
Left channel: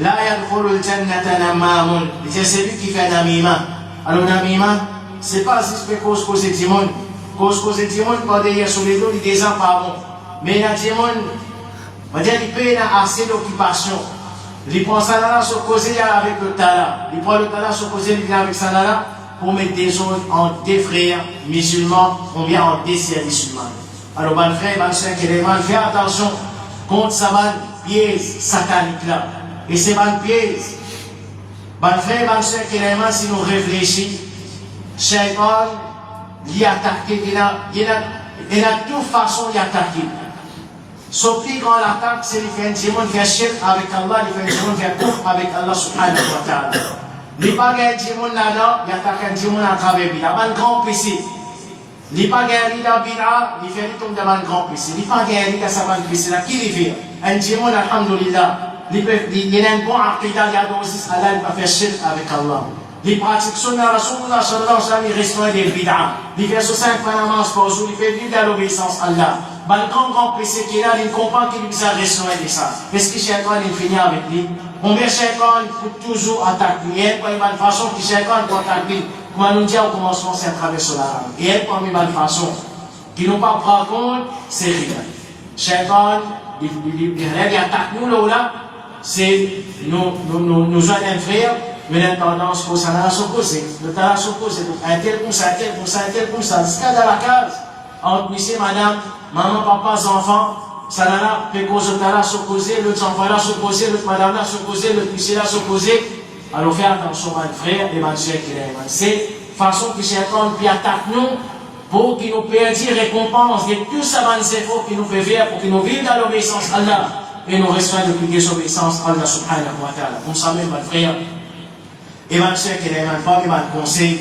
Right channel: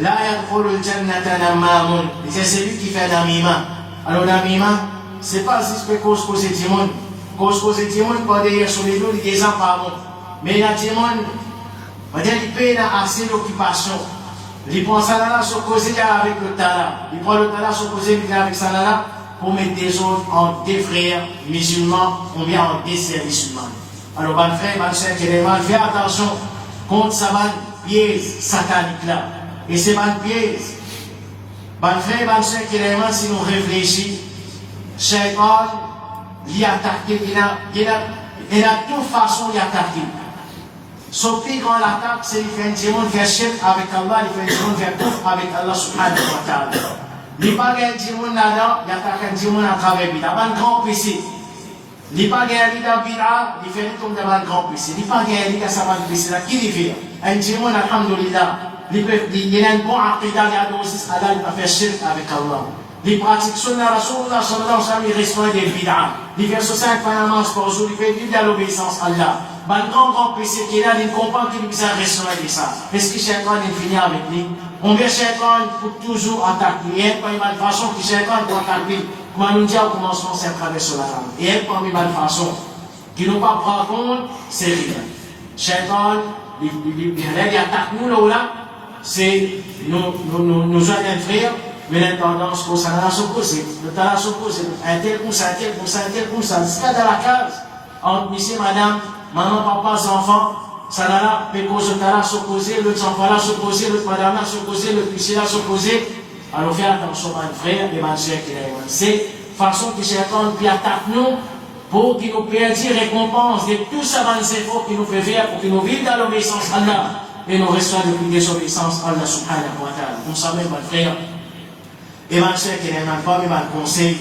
La yadkhulul jannata namamun. C'est celui qui fait namima. Alors namima, c'est pas juste cause du monde. Cause du monde, quand il y a sur les dos, il y a des gens pardon. Mais il y a des gens, il peut avoir assez d'occupation. Il prend ça là, sur causer avec le tala. Il prend le tala, sur causer, il vient avec ça là, pour mettre des autres en des frères musulmans, ou bien en des sœurs musulmanes. Alors, bon frère, bon sœur, fais attention contre sa pièce satanique là. Et c'est bonne pièce. Bon frère, bon sœur, si nous réfléchissons, Shaitan, il a attaqué, il a de toute façon, il a attaqué. Sauf que quand l'attaque, c'est le fait un démon faire shirk avec Allah, le fait un démon faire kufr avec Allah subhanahu wa ta'ala. Il n'y a pas un démon là-dedans, il attaque un démon à travers Bida. Un grand PC. Il n'y a pas un leader Bida, il fait un tombe devant un grand PC. Il n'y a pas un leader savant PC là. Qui le fait? Un démon, alhamdulillah. Il a un bon aqida, il a aussi Allah, il va faire shirk avec Allah. Il pratique sunna Rasulullah sallallahu alayhi wa sallam, il restreint des bid'ah. Il fait 5 namaz par jour, il fait vivre dans l'obéissance à Allah. Mais le grand PC qui est là, il comprend qu'il lui a restreint de ça. Est-ce que Shaitan il finit avec lui? On met Shaitan pour toujours attaquer. Et être parmi la façon que Shaitan doit attaquer. Comme on nous dit au commencement, c'est à travers son arabe. Et être parmi la façon qui nous pas prendre compte, c'est rien. Shaitan, il attaque nous là, c'est nous joindre un frère. Mais la tendance pour ça n'a s'opposer. Le talent s'oppose. Un tel comme ça, un tel comme ça, un tel comme ça. C'est dans la case. Entre monsieur, madame, maman, papa, enfants, ça n'a pas cause au talent s'opposer, l'autre enfant là s'opposer, l'autre madame là s'opposer, l'autre monsieur là s'opposer. Alors fais attention, mon frère et ma soeur qui est là. C'est façon que Shaitan puis attaque nous pour qu'il nous perdit récompense de tout ça, c'est faux qui nous fait faire pour que nous vivions dans l'obéissance à Allah et nous restons depuis désobéissance à Allah subhanahu wa ta'ala. On s'en met, mon frère. Et ma soeur qui est ma femme et ma conseil,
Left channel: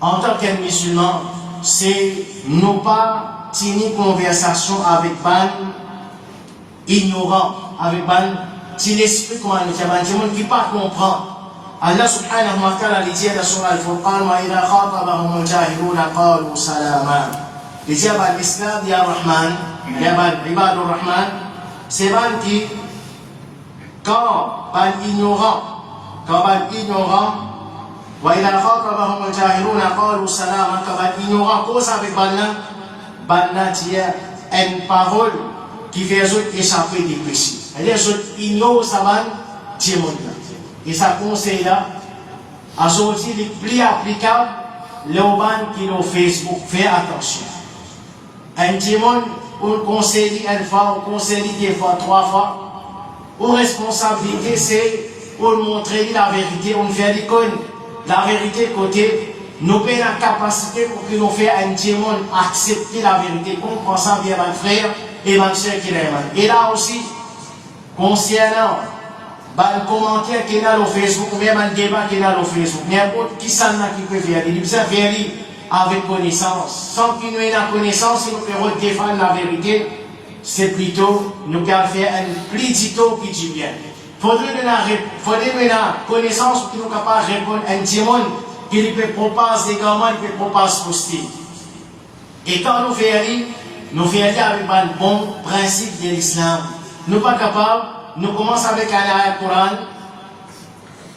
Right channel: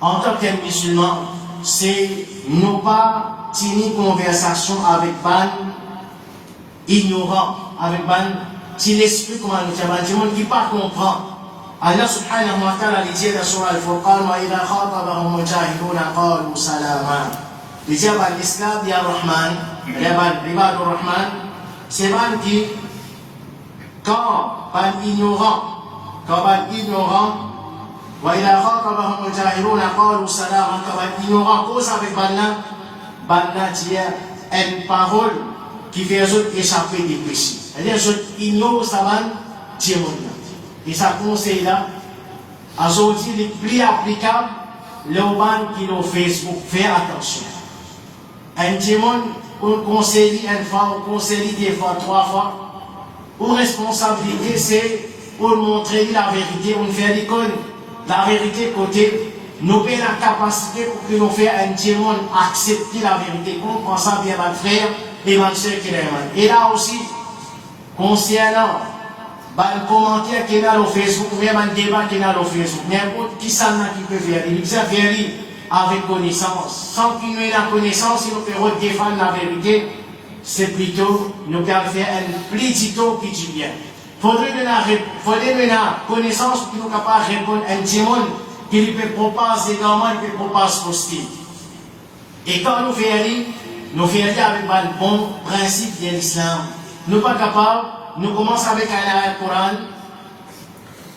en tant que musulman, c'est ne pas tenir conversation avec ban ignorant, avec ban qui l'esprit comment le faire, ban qui pas comprend. Allah subhanahu wa ta'ala dit dans Surah Al-Furqan wa idha khatabahum al-jahiluna qalu salama. Il dit à l'islam, ya Rahman, ya Ibadur Rahman, c'est ban qui quand ban ignorant وإذا خاطبهم الجاهلون قالوا سلاما كما ignorant cause avec Banna tient une parole qui fait les autres échapper des péchés. Les autres ignorent ça et ça conseille là à sortir les plus applicables le ban qui nous Facebook fait attention. Un démon on conseille une fois, on conseille deux fois, 3 fois. Ou responsabilité c'est pour montrer la vérité, on fait des connes. La vérité côté, nous avons la capacité pour que nous fassions un démon accepter la vérité, comprenant bien mon frère et ma soeur qui l'aiment. Et là aussi, concernant le commentaire qui est là sur Facebook, ou même un débat qui est là sur Facebook, n'importe qui s'en a qui peut faire, il peut faire avec connaissance. Sans qu'il ait la connaissance, il nous peut défendre la vérité, c'est plutôt nous faire un plutôt qui dit bien. Faudrait de la connaissance pour nous capables de répondre à un démon qui peut proposer également, il peut proposer poster. Et quand nous faisons avec un bon principe de l'islam, nous ne sommes pas capables, nous commençons avec un ayat Coran,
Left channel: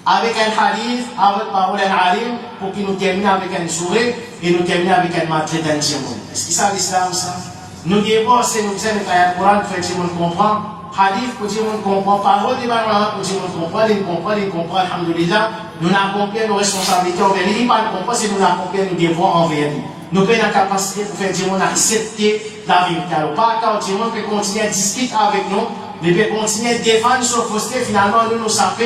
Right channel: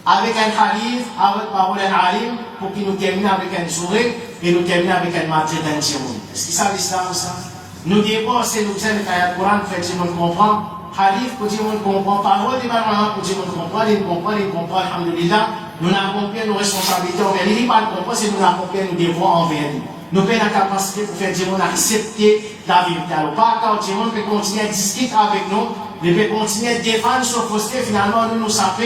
avec un hadith, avec parole d'un alim, pour qu'il nous termine avec un sourire et nous termine avec un matière d'un démon. Est-ce que ça l'islam ça? Nous disons, c'est nous disons que l'ayat Coran, fait que tout le monde comprend. Hadith, que tout le monde comprend, parole des parents, que tout le monde comprend, alhamdulillah, nous accompagnons nos responsabilités envers lui, pas de comprendre, c'est nous accompagnons, nous devons envers lui. Nous avons la capacité pour faire dire, accepter la vérité. Alors, pas quand tout le monde peut continuer à discuter avec nous, mais peut continuer à défendre sur fausseté, finalement, nous savons,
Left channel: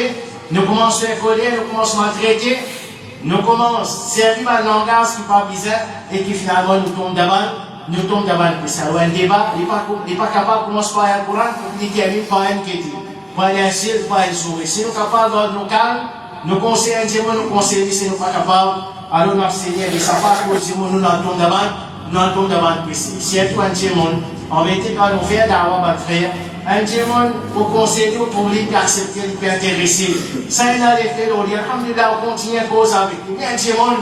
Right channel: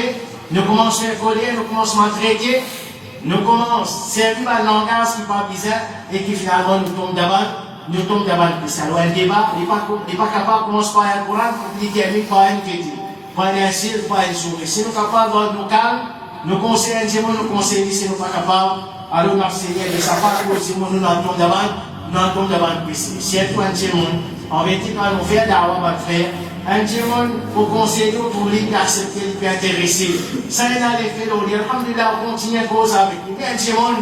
nous commençons à coller, nous commençons à traiter, nous commençons à servir un langage qui n'est pas bizarre et qui finalement nous tombe d'abord. Nous tombons dans le péché. Alors, un débat, il n'est pas capable de commencer par un Coran pour déterminer par une question, par un ciel, par une souris. Si nous sommes capables de nous calmer, nous conseillons un démon, nous conseillons, si nous ne sommes pas capables, alors nous enseignons les safaris au démon, nous n'entendons d'abord le péché. Si un démon, en vérité, quand nous faisons d'avoir notre frère, un démon, pour conseiller, pour lui, pour accepter, pour intéresser. Ça, il a l'effet de dire, alhamdulillah, on continue à cause avec lui. Un démon,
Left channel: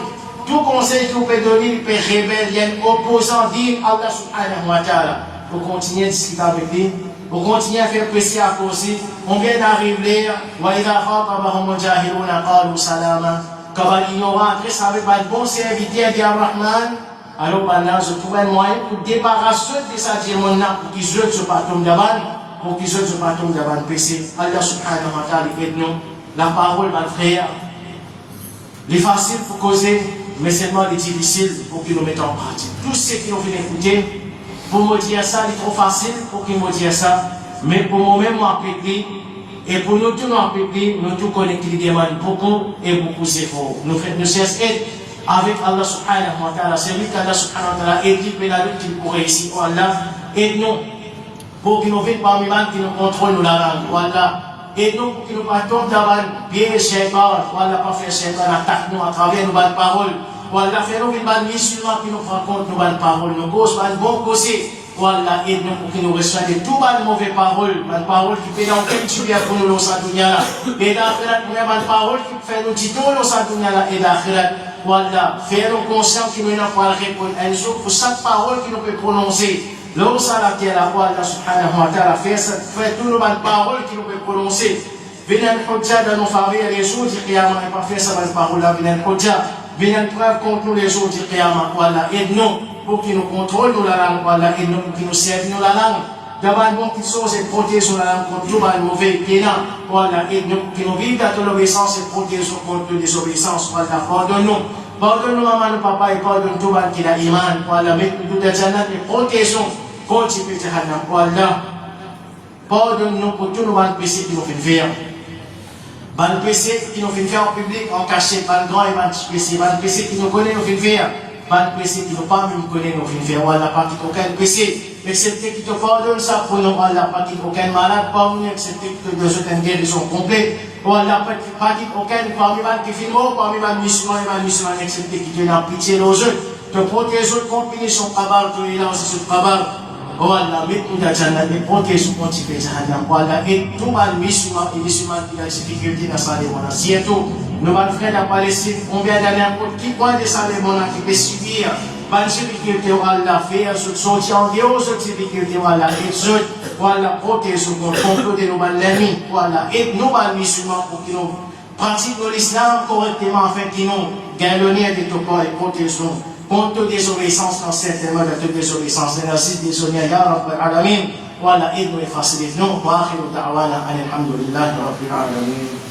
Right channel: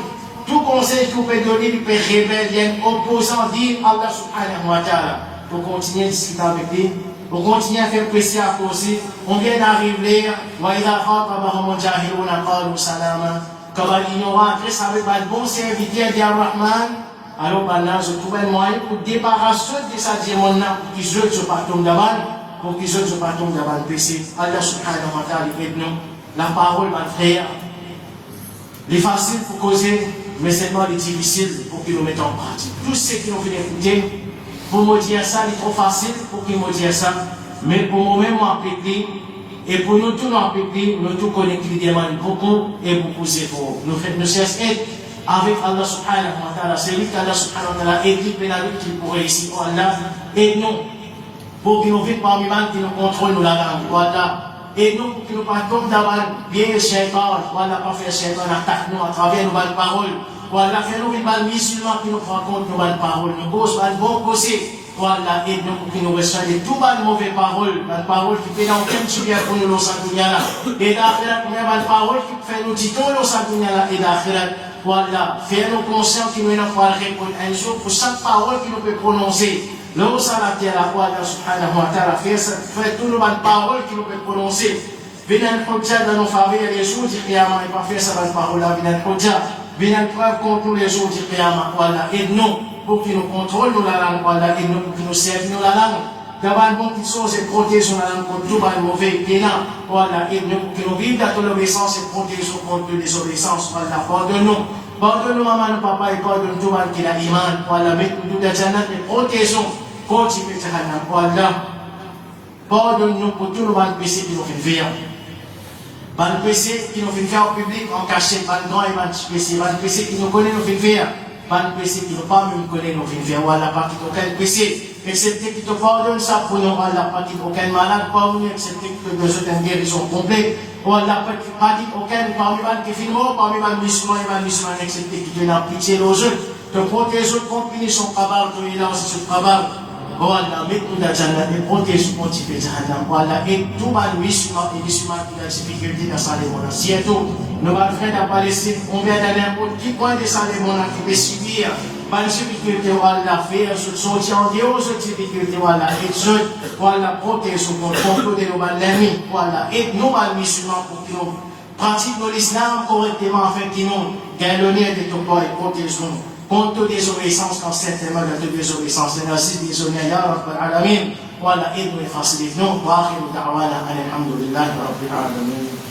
tout conseil qui peut donner, il peut révéler opposant, dire Allah subhanahu wa ta'ala, pour continuer à discuter avec lui, pour continuer à faire pression à causer, on vient d'arriver, وَإِذَا خَاطَبَهُمُ الْجَاهِلُونَ قَالُوا سَلَامًا. Quand l'ignorant après ça avec un bon serviteur à dire Rahman, alors maintenant je trouve un moyen pour débarrasser de ça démon pour qu'ils ne soient pas tombés d'avant, pour qu'ils ne soient pas tombés d'avant péché. Allah subhanahu wa ta'ala aide-nous. La parole va frère. Les faciles pour causer, mais seulement les difficiles pour qu'ils nous mettent en pratique. Tous ceux qui ont fait écouter, pour me dire ça, c'est trop facile pour qu'ils me disent ça, mais pour moi-même, moi, et pour nous tous, nous tous connaissons qui demandent beaucoup et beaucoup d'efforts. Nous faisons nos cesses avec Allah subhanahu wa ta'ala. C'est lui qu'Allah subhanahu wa ta'ala aide lui la lutte qu'il pour réussir. Allah, aide-nous pour qu'ils nous viennent parmi nous, qui nous contrôlent la langue. Voilà. Aide-nous pour qu'ils nous partons d'avoir bien shaitan. Voilà, pas faire shaitan attaque nous à travers nos bonnes paroles. Voilà, fais-nous une bonne musulman qui nous raconte nos bonnes paroles. Nos gosses, bon côté. Voilà, aide-nous pour qu'ils nous reçoivent de toutes les mauvaises paroles. Bonnes paroles qui fait dans quel tu viens pour nous, l'Osadunia là. Et d'akhirat, mais bonnes paroles qui fait nous titons, l'Osadunia là. Et d'akhirat, voilà, faire-nous conscients qui nous n'ont répondre un jour pour chaque parole qui nous peut prononcer. L'Osadunia là, Allah subhanahu wa ta'ala, fait toutes les bonnes paroles qui nous peut prononcer. Venez un projet dans nos familles les jours du Qiyamah et pas faire ça bonne parole là. Venez un projet, venez un preuve contre nous les jours du Qiyamah. Voilà, aide-nous. Pour qu'ils nous contrôlent nous la langue, voilà, et nous, pour qu'ils nous servent nous la langue. D'abord, bon qu'ils soient et protègent la langue contre tout le mauvais pénal, voilà, et nous, pour qu'ils nous vivent dans l'obéissance et protègent contre les désobéissances, voilà, pardonne-nous. Pardonne-nous, maman, papa, et pardonne tout le monde qui a iman, voilà, mettez-nous dans la jannat et protégeons contre les jahannam, voilà. Pardonne-nous pour tout le monde péché qui nous fait faire. Ban péché qui nous fait faire en public, en cachet, ban grand et ban péché, ban péché qui nous connaît, nous fait faire. Pas de péché qui ne pas même connaître nos films, voilà, pas qu'il aucun péché, excepté qui te pardonne ça pour nous, voilà, pas qu'il aucun malade, pas nous, excepté que nous autres une guérison complète, voilà, pas qu'il aucun, parmi les qui filment, parmi les musulmans et les musulmans, excepté qui te n'a pitié aux autres, te protège contre punition, kabar, pour les lancer sur kabar, voilà, mettez-nous dans la jannah, et protège contre les jahannam, voilà, et tout les musulmans et les musulmans qui ont des difficultés dans sa lémona, surtout, nos frères de la Palestine, on vient d'aller n'importe qui point de sa lémona qui peut subir, pas de difficulté, voilà, faire, sortir en dehors de difficultés, voilà, et voilà, protège contre de nos ennemis, voilà, et nous, les musulmans, pour que nous pratiquions l'islam correctement, afin que nous gagnons de tout corps et protégeons. Contre désobéissance, quand certainement de toute désobéissance, merci désolé à Rabbil Alamin, voilà, aide-nous et facilite-nous, wa akhiru da'wana, alhamdulillah, Rabbil Alamin.